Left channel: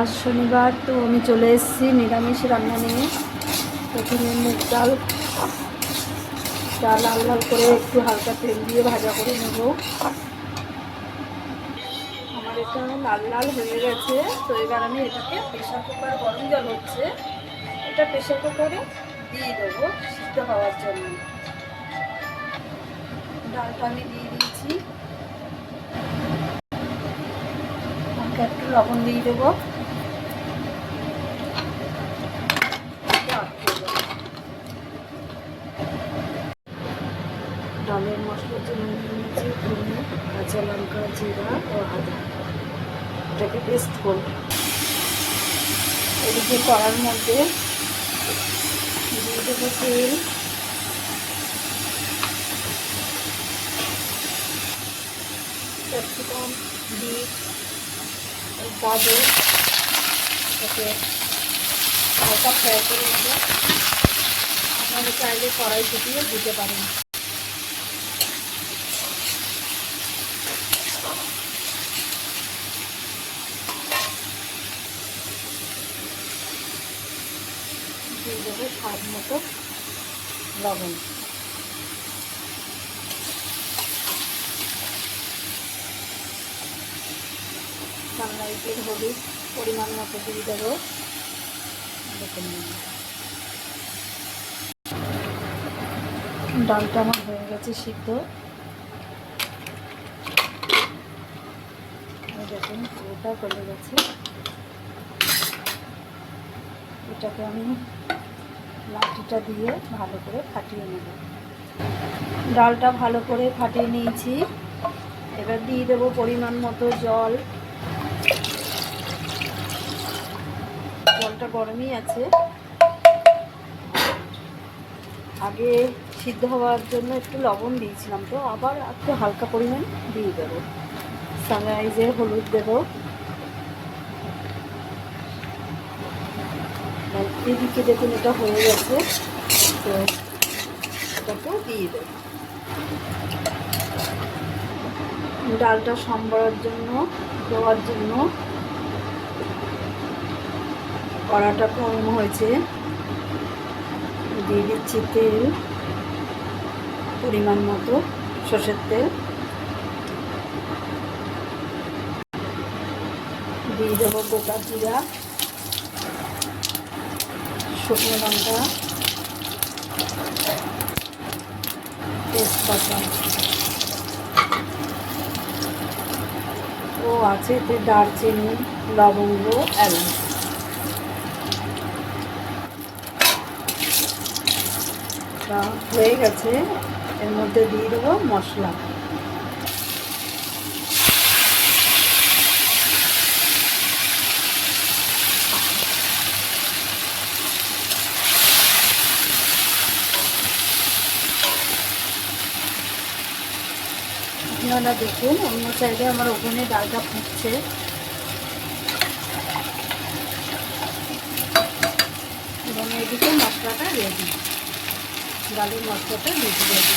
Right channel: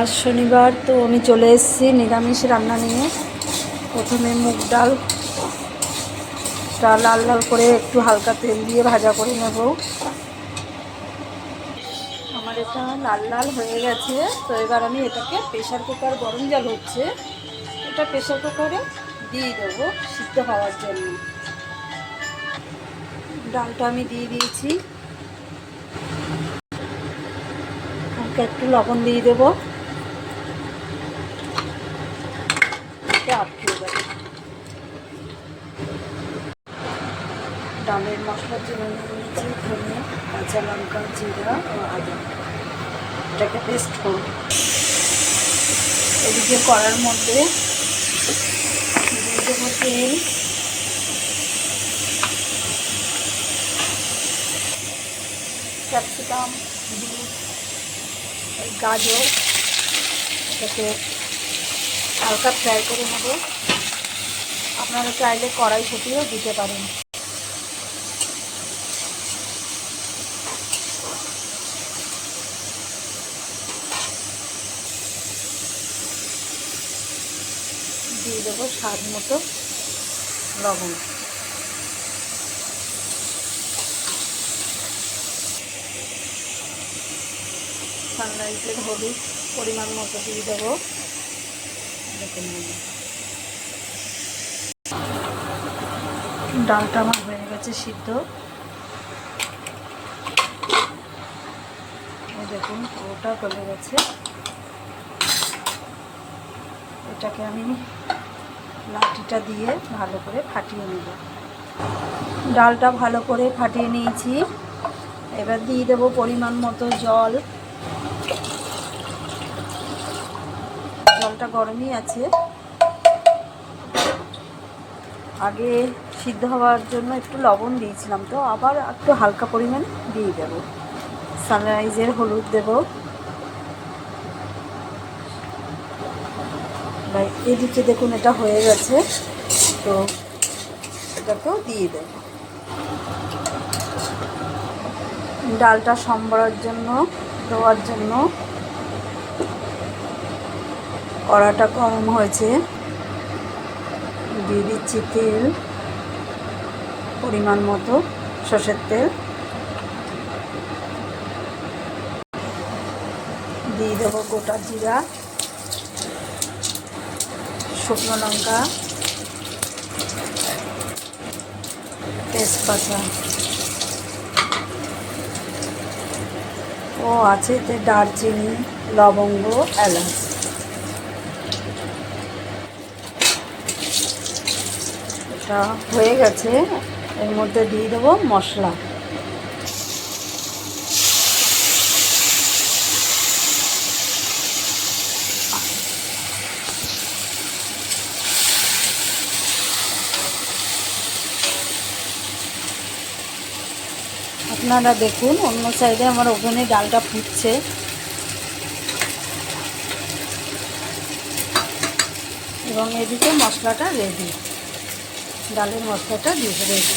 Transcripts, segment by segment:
আজ শনিবার, তো আমি চলে এসেছি নিরামিষ রান্না নিয়ে। প্রথমে মুগ ডালটা লাল লাল করে একটু হালকা তেল দিয়ে ভাজা করে নেব। আমার এটা লাল লাল হয়ে গেছে, তো এবার আমি এটাকে প্রেশার কুকার, গরম জল হচ্ছে, এটা প্রেশার কুকারে দিয়ে দেবো সিদ্ধ হওয়ার জন্য। ডালটা আমি দিয়ে দিয়েছি, হালকা একটু লবণ দিয়ে দেবো, আটকে দেবো। ডালের মশলার জন্য নিয়েছি ধনে, কাঁচা লঙ্কা, জিরা ও আদা, এটাকে পেস্ট করব। এদিকে কড়ার মধ্যে দিয়ে দেবো তেল, ক্যাপসিকাম, বিট, গাজর, এটাকে হালকা ফ্রাই করে নেব। আপনারা চাইলে কড়াই ফুটিয়েও দিতে পারেন। দিয়ে দেবো স্বাদ মতো লবণ, সানরাইজের হলুদ পরিমাণ মতো দিয়ে দেবো। দেখুন ডালটা আমার হয়ে গেছে সিদ্ধ, দেখুন পুরোটা গলে গেছে। এটাকে আমি লাঠিটা দিয়ে ভালো করে ফাটিয়ে নেব। ডালটা ভালো করে ফাটিয়ে নিয়েছি, এবার দিয়ে দেবো পরিমাণ মতো জল। জলটা গরমই আছে, আগে সিদ্ধ হওয়ার জন্য একটু লবণ দিয়েছিলাম, তো আবার একটু হালকা পরিমাণ দিয়ে দেবো। সানরাইজের হলুদ দেব। এদিকে দেখুন এটা হয়ে গেছে, তো এটাকেও দিয়ে দেব। ডালটা সম্বরের জন্য দেওয়ার জন্য কড়াটা গরম হয়েছে, দিয়ে দিচ্ছি তেল পরিমাণ মতো, সর্ষের তেল দিয়ে দেবো, গোটা জিরা, শুকনো লঙ্কা, তেজপাতা ও আছে এতে দারচিনি, লবঙ্গ, এলাচ। এটা হয়ে গেছে, এর মধ্যে দিয়ে দেবো মশলা। আপনারা দেখুন অন্য সাইডে আমার ওভেনে ডালটা ফুটছে, এবং এদিকে মশলাটা রেডি, ডালের মশলাটা দিয়ে রেডি।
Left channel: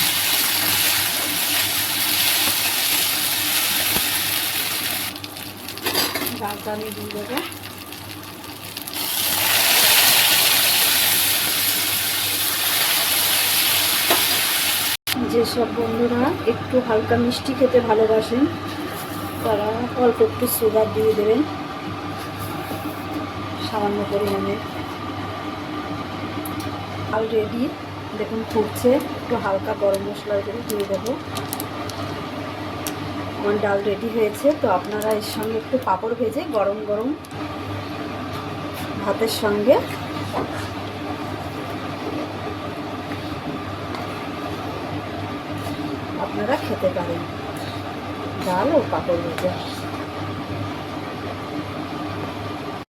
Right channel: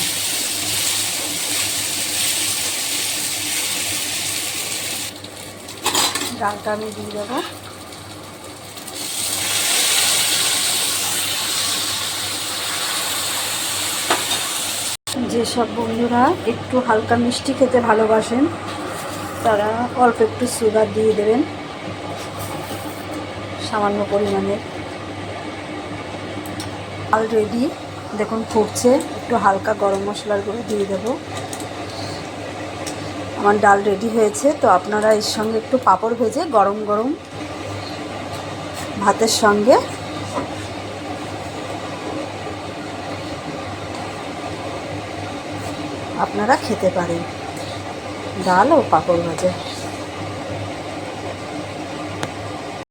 ডালটা আমি দিয়ে দেবো। যেসব বন্ধুরা একটু হালকা মিষ্টি খেতে ভালোবাসেন, তারা অল্প একটু সুগার দিয়ে দেবেন, সামান্য পরিমাণে। ডাল রেডি, দেখুন ফুটছে, একটু হালকা গরম মশলার গুঁড়ো দিয়ে দেবো। আমার ডাল রেডি হয়েছে, তো আপনারা এর সঙ্গে একটু পাঁপড় ভেজে গরম গরম ভাতের সঙ্গে আপনারা খেতে পারেন, ডাল ও পাঁপড় ভাজা।